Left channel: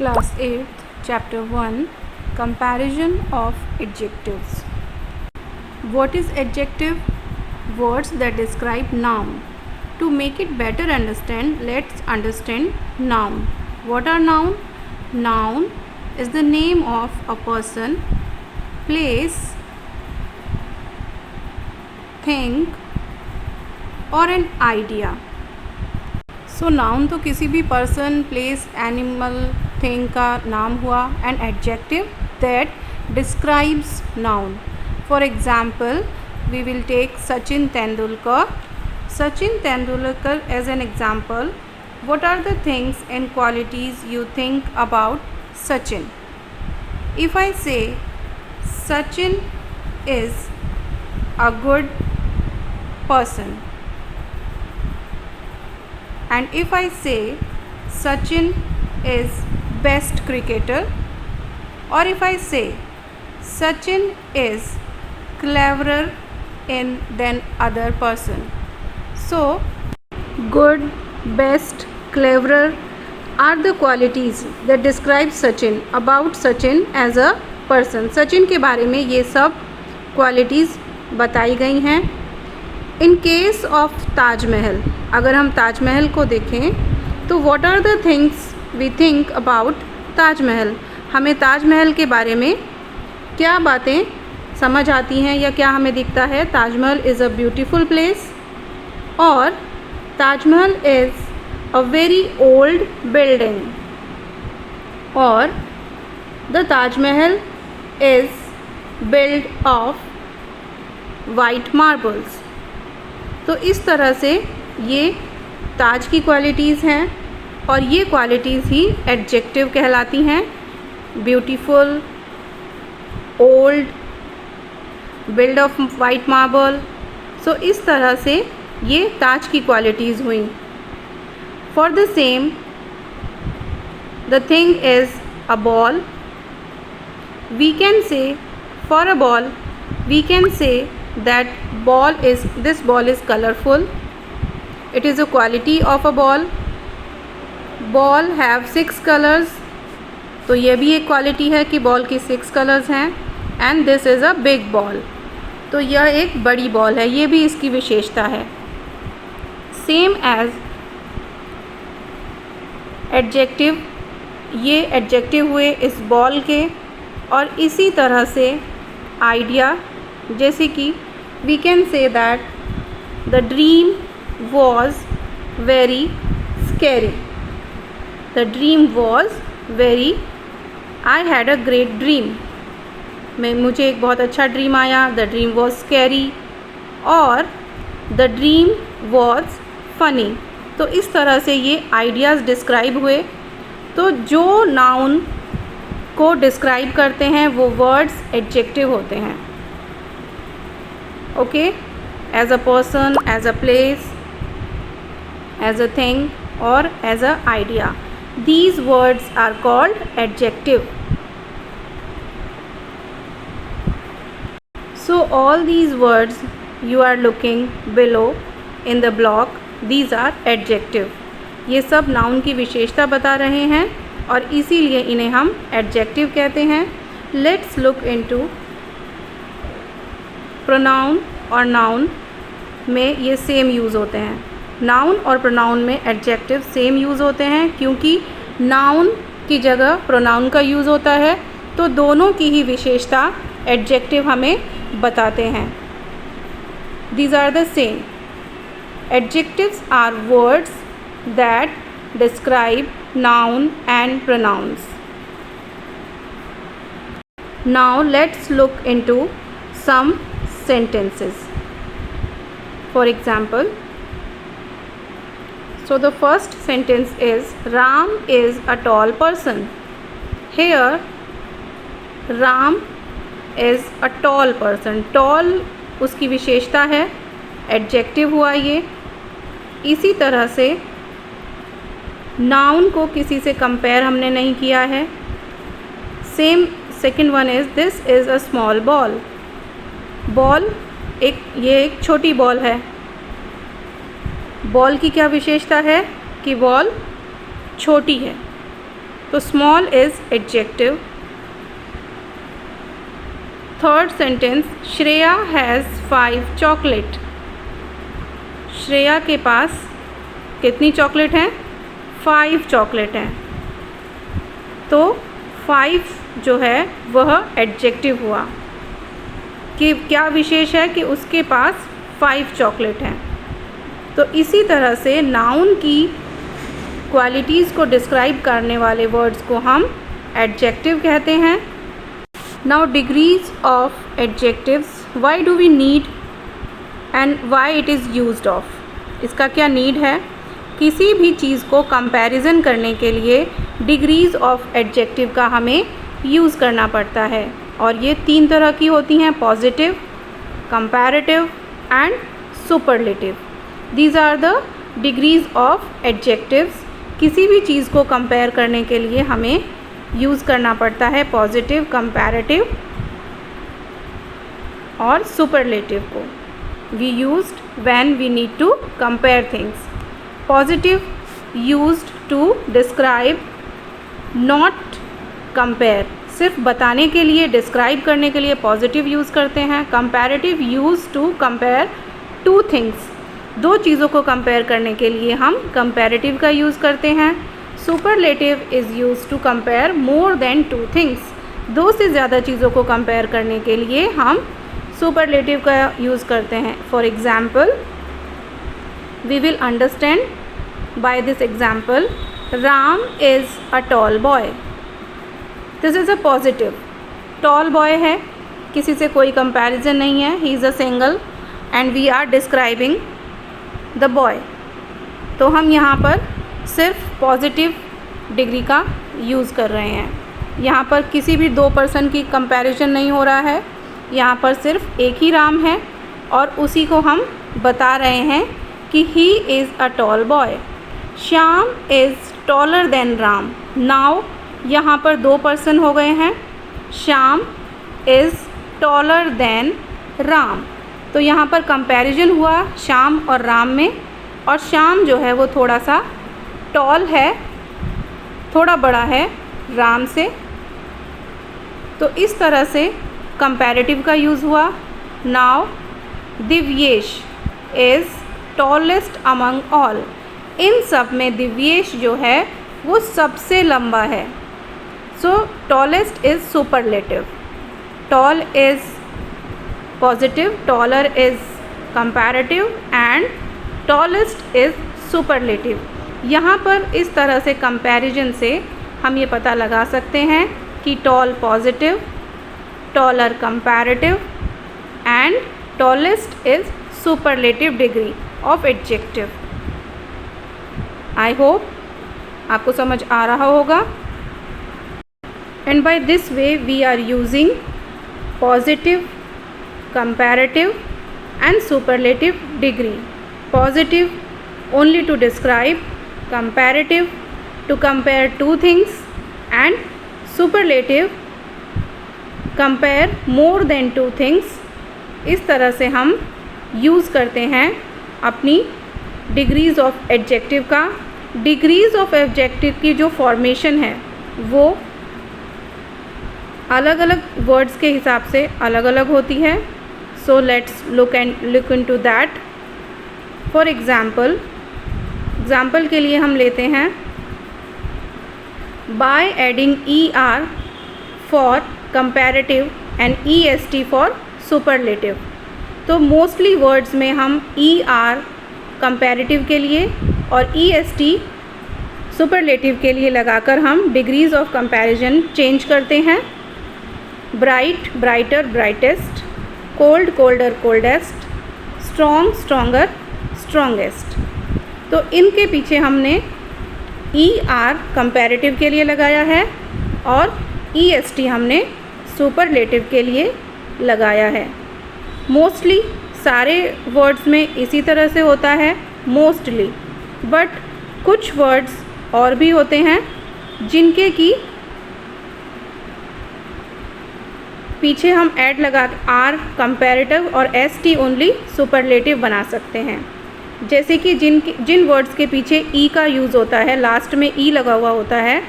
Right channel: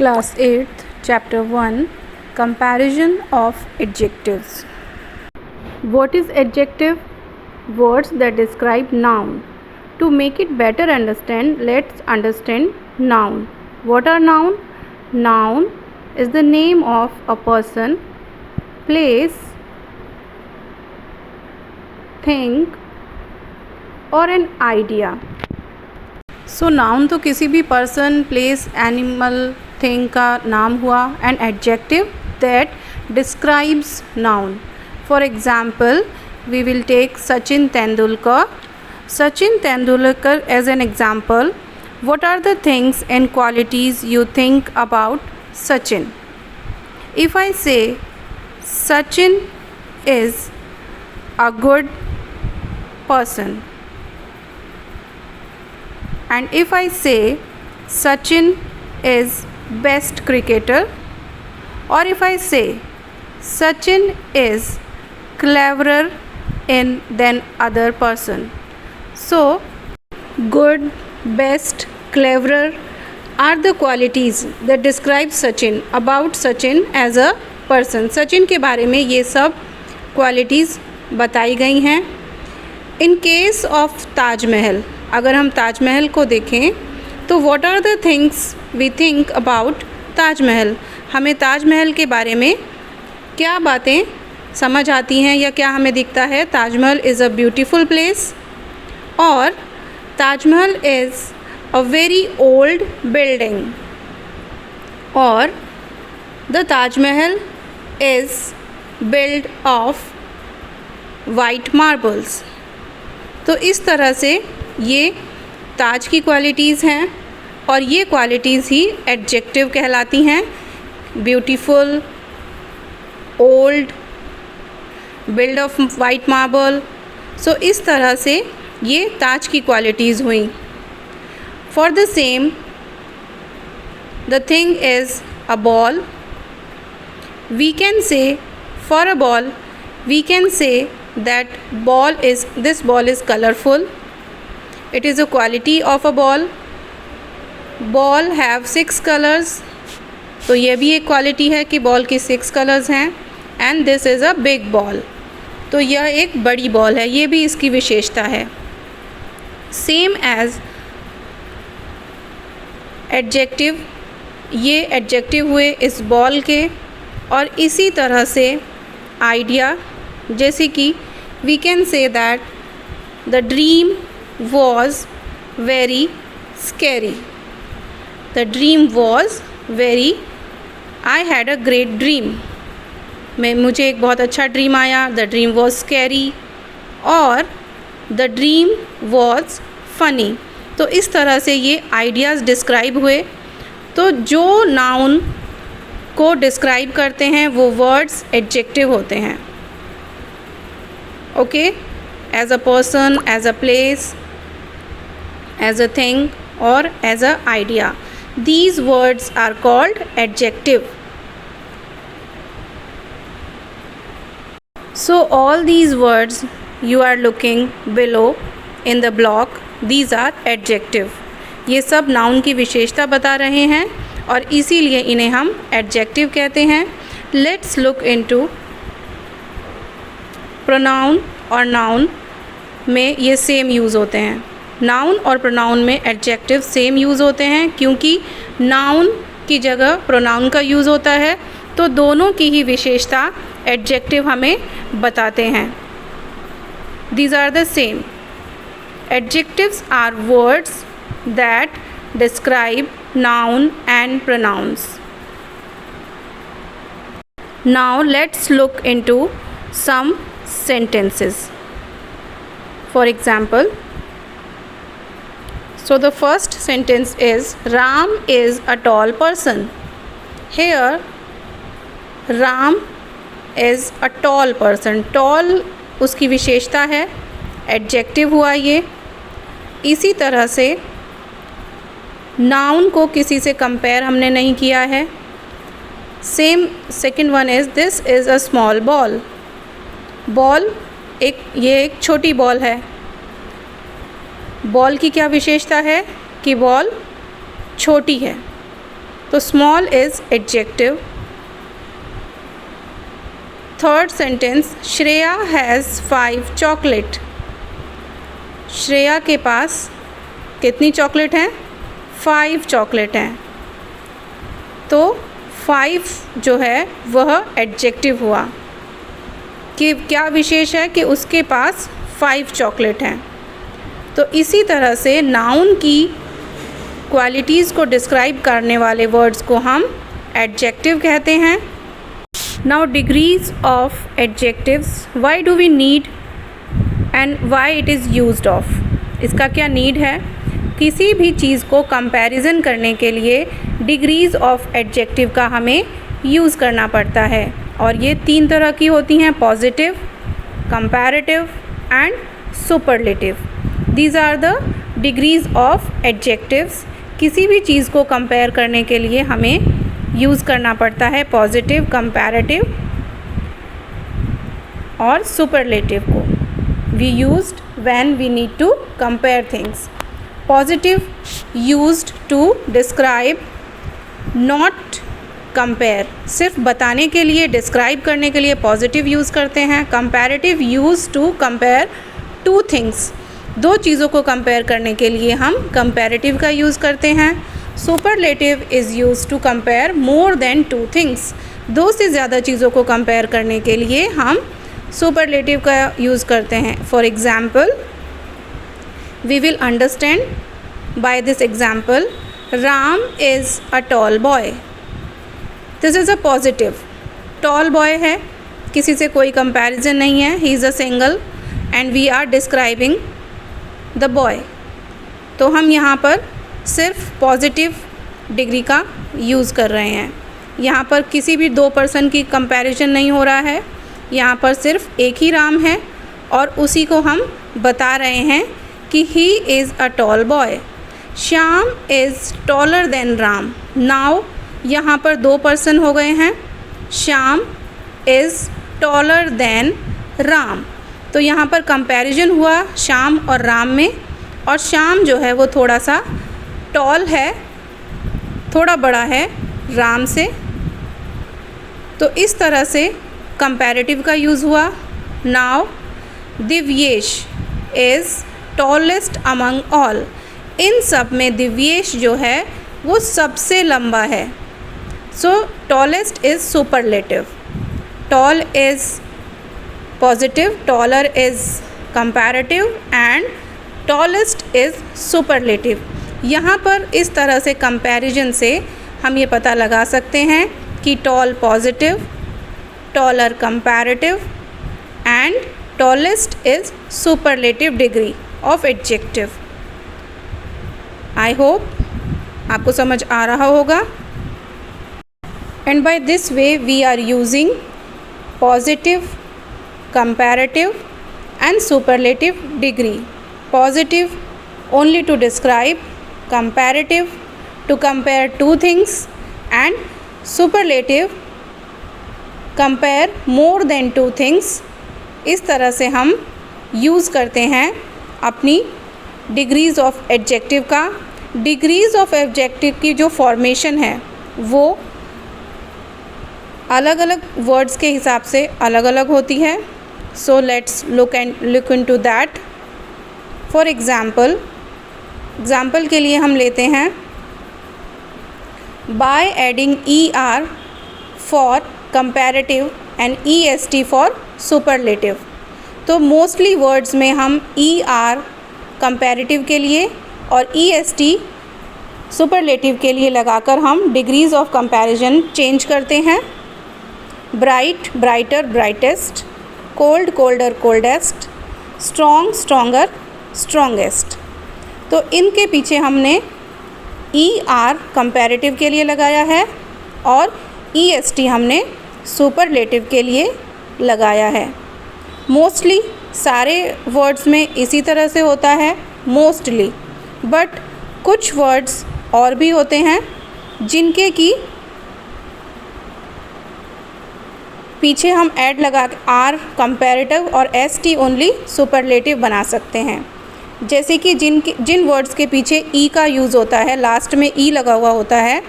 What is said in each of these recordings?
Class 8th, Chapter 1, Comparison of Adjectives. What is adjective? Words that describe noun. To make it better understand, let's understand noun. What are noun? Noun is the name of a person, place, thing or an idea. So noun तो किसी भी person, place, animal, thing का नाम हुआ. And adjective that describes noun. For example we will take Sachin Tendulkar. Sachin Tendulkar as an example. what are the things and qualities you think about Sachin? If I say Sachin is a good person, and if I say Sachin is best cricketer, or if I say Sachin is cleverer than other person. So good, best, cleverer are the qualities that describe Sachin, about Sachin as a person. Sachin के बारे में ये सब qualities बताई गई हैं. In case of Taj Mahal, अगर हम ताजमहल को देखें तो what are the things we think about Taj Mahal. हमें ताजमहल के बारे में क्या बातें समझ आती हैं या क्या हमें दिखता है? Taj Mahal is a beautiful place, और Taj Mahal is a very old building, और the Taj Mahal is build of white marbles. तो इस तरह से ये ताज की क्वालिटीज़ हैं, और ये क्वालिटीज़ ही एडजेक्टिव कहलाती हैं. Beautiful, old, build of white marble. So इस तरह से ये ताज की क्वालिटीज़ हुई. For the same the thing is a ball. We can say for a ball we can say that this ball is colorful. It is a quality of a ball. Ball have 6 colors. तो ये भी एक quality है कि ball की 6 colours हैं. And this is a big ball. तो यह एक बड़ी बॉल है, ये भी इसकी विशेषता है. सेम एज एडजेक्टिव, ये एडजेक्टिव हुए इस बॉल के. और इसी तरह से आइडिया, जैसे कि we can say that the dream was very scary. The dream was very, I had a great dream. मुझे एक बहुत अच्छा ड्रीम आया. द ड्रीम वॉज स्कैरी, और द ड्रीम वॉज फनी. तो इस तरह से ये आइडियाज़ डिस्क्राइब हुए. तो जो नाउन को डिस्क्राइब करते हैं वो वर्ड्स एडजेक्टिव होते हैं. Okay, as a person, as a place, as a thing और as a idea. These words are called adjective. So all these words you are looking below in the block, these are adjective. ये सब noun की विशेषता बता रहे हैं और इसीलिए इन्हें हम एडजेक्टिव कहते हैं. लेट्स लुक इनटू प्रोनाउन और नाउन में ये सेम यूज़ होते हैं. नाउन और प्रोनाउन में एडजेक्टिव सेम यूज़ होते हैं, क्योंकि नाउन की जगह प्रोनाउन का यूज़ होता है. तो दोनों की ही विशेषता एडजेक्टिव हमें बताते हैं. These are the same. Adjectives are words that describe noun and pronouns. Now let's look into some sentences. For example, so the first sentence is Ram is a tall person. Here Ram is a tall person. Tall उसकी विशेषता है, adjective हुआ ये. इसी तरह से noun को किसी से कंपेयर हमने नहीं किया है. Same second one is this is a small ball. Ball ये एक छोटी बॉल है. बॉल की क्या विशेषता है कि बॉल छोटी है. तो small is adjective. Third sentence, Shreya has 5 chocolate. Shreya के पास कितनी चॉकलेट हैं? 5 चॉकलेट हैं। तो 5 जो है वह एडजेक्टिव हुआ कि क्या विशेष है कि उसके पास 5 चॉकलेट हैं। तो इसी तरह से नाउन की क्वालिटीज़ को डिस्क्राइब करने वाले वर्ड्स को हम एडजेक्टिव कहते हैं। Now degrees of adjectives, why do we need and why it is used of. इसका क्या नीड है? किसी भी चीज़ को कंपैरिजन करने के लिए डिग्रीज ऑफ एडजेक्टिव का हमें यूज़ करना पड़ता है, और ये 3 तरह की होती हैं, positive, comparative and superlative. These are the degrees of adjectives. किसी भी चीज़ को कंपेयर करने के लिए हमें यूज़ करना पड़ता है पॉजिटिव, कंपैरेटिव और सुपरलेटिव को। We used when we need to compare things. Positive used to describe, not compare. सिर्फ बताने के लिए, डिस्क्राइब करने के लिए पॉजिटिव यूज़ करते हैं। Comparative use to compare 2 things. 2 चीज़ों को कंपेयर करने के लिए हम कंपैरेटिव का यूज़ करते हैं। Superlative is use to compare more than 2 things. 2 से ज़्यादा चीज़ों को कंपेयर करने के लिए हम सुपरलेटिव का यूज़ करते हैं। For example, we will understand by this example, Ram is a tall boy. This is a positive. Tall boy है, किसी से कोई कंपैरिजन नहीं है, he is a single and we are describing the boy. तो हम यहाँ पर सिर्फ पॉजिटिव डिग्री का यूज़ कर रहे हैं। यहाँ पर किसी भी 2 पर्सन की कंपैरिजन नहीं हो रहा है, यहाँ पर सिर्फ एक ही राम है और उसी को हम बता रहे हैं कि ही is a tall boy. Shyam is taller than Ram. Now यहाँ पर 2 पर्सन हो गए हैं, Shyam is taller than Ram. तो यहाँ पर कंपैरिजन हुआ श्याम और राम में, और श्याम जो है वो थोड़ा सा टॉल है, थोड़ा बड़ा है राम से। तो इस तरह से कंपैरेटिव का यूज़ हुआ। Now Divyesh is tallest among all. इन सब में दिव्येश जो है वो सबसे लंबा है। So tallest is superlative. Tall is positive, taller is comparative and tallest is superlative. यहाँ पर इस तरह से कंपैरिजन से हम ये पता लगा सकते हैं कि tall positive, taller comparative and tallest is superlative degree of adjective. I hope आपको समझ आ रहा होगा। And by this way we are using positive, comparative and superlative degree. Positive only to describe, comparative to compare 2 things and superlative compare more than 2 things. इस तरह से हम use करते हैं अपनी डिग्रीज़ ऑफ एडजेक्टिव का। डिग्रीज़ ऑफ एडजेक्टिव की जो फॉर्मेशन है वो अलग अलग वर्ड्स के हिसाब से अलग अलग होती है। So let's look into that. For example के लिए हम लेते हैं by adding er for comparative and est for superlative. तो मोस्टली वर्ड्स में हम er कंपैरेटिव के लिए और est सुपरलेटिव के लिए लगाकर हम डिग्रीज़ ऑफ कंपैरिजन चेंज करते हैं। Bright, brighter, brightest, cold, colder, coldest, strong, stronger, strongest. तो इनके पीछे हमने er कंपैरेटिव के लिए लगाया है और est हमने सुपरलेटिव के लिए लगाया है। मोस्टली सारे वर्ड्स में इसी तरह से होता है, मोस्टली, बट कुछ वर्ड्स और भी होते हैं जिनके की पीछे हम ऐड लगा आर कंपैरेटिव और एस टी ओनली सुपरलेटिव बना सकते हैं। जैसे कि जिन वर्ड्स के पीछे ई का यूज़ होता है, लास्ट में ई लगा हुआ होता है,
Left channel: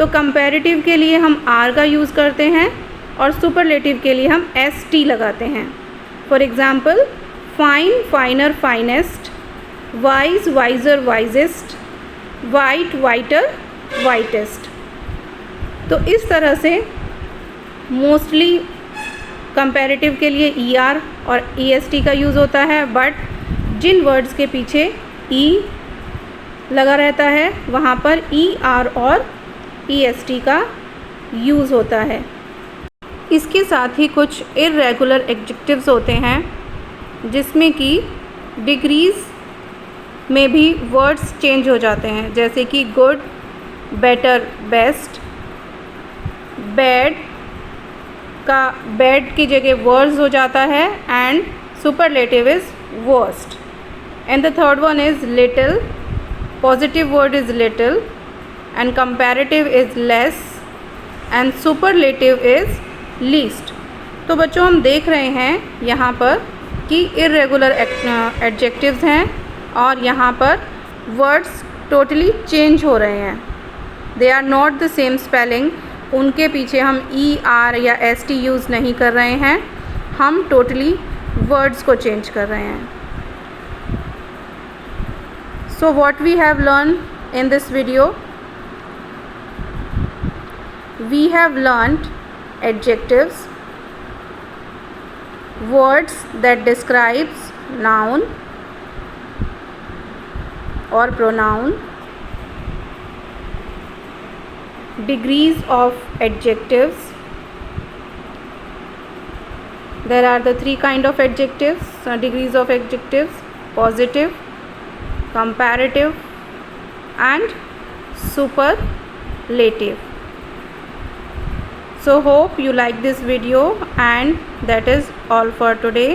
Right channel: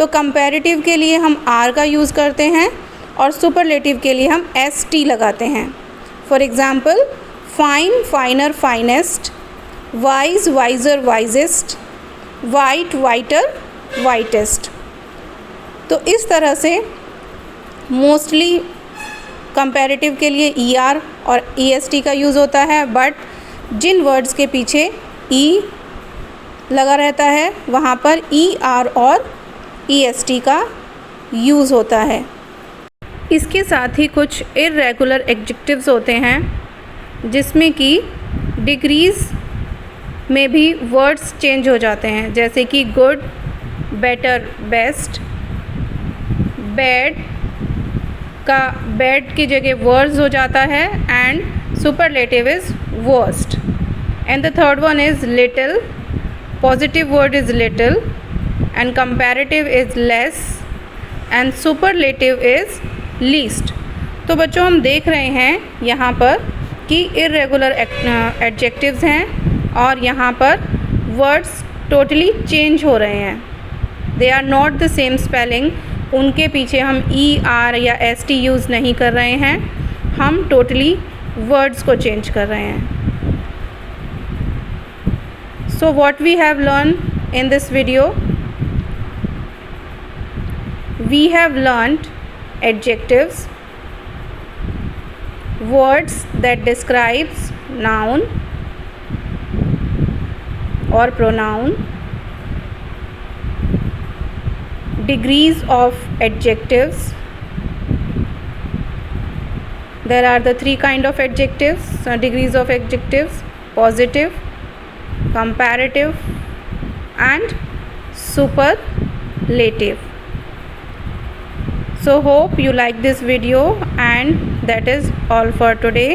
तो कंपैरेटिव के लिए हम आर का यूज़ करते हैं और सुपरलेटिव के लिए हम एस टी लगाते हैं। For example, fine, finer, finest, wise, wiser, wisest, white, whiter, whitest. तो इस तरह से मोस्टली कंपैरेटिव के लिए ई आर और ई एस टी का यूज़ होता है, बट जिन वर्ड्स के पीछे ई लगा रहता है वहाँ पर ई आर और ई एस टी का यूज़ होता है। इसके साथ ही कुछ इर्रेगुलर एडजेक्टिव्स होते हैं जिसमें कि डिग्रीज़ में भी वर्ड्स चेंज हो जाते हैं, जैसे कि गुड, बेटर, बेस्ट। बैड का बैड की जगह वर्स हो जाता है and superlative is worst. And the third one is little, positive word is little and comparative is less and superlative is least. तो बच्चों, हम देख रहे हैं यहाँ पर कि इर्रेगुलर एडजेक्टिव्स हैं और यहाँ पर वर्ड्स टोटली चेंज हो रहे हैं। They are not the same spelling. उनके पीछे हम ई आर या एस टी यूज़ नहीं कर रहे हैं, हम टोटली वर्ड्स को चेंज कर रहे हैं। So what we have learn in this video, we have learned adjectives, words that describes noun or pronoun, degrees of adjectives. There are the three kind of adjectives, degrees of adjectives: positive, comparative and superlative. So hope you like this video, and that is all for today.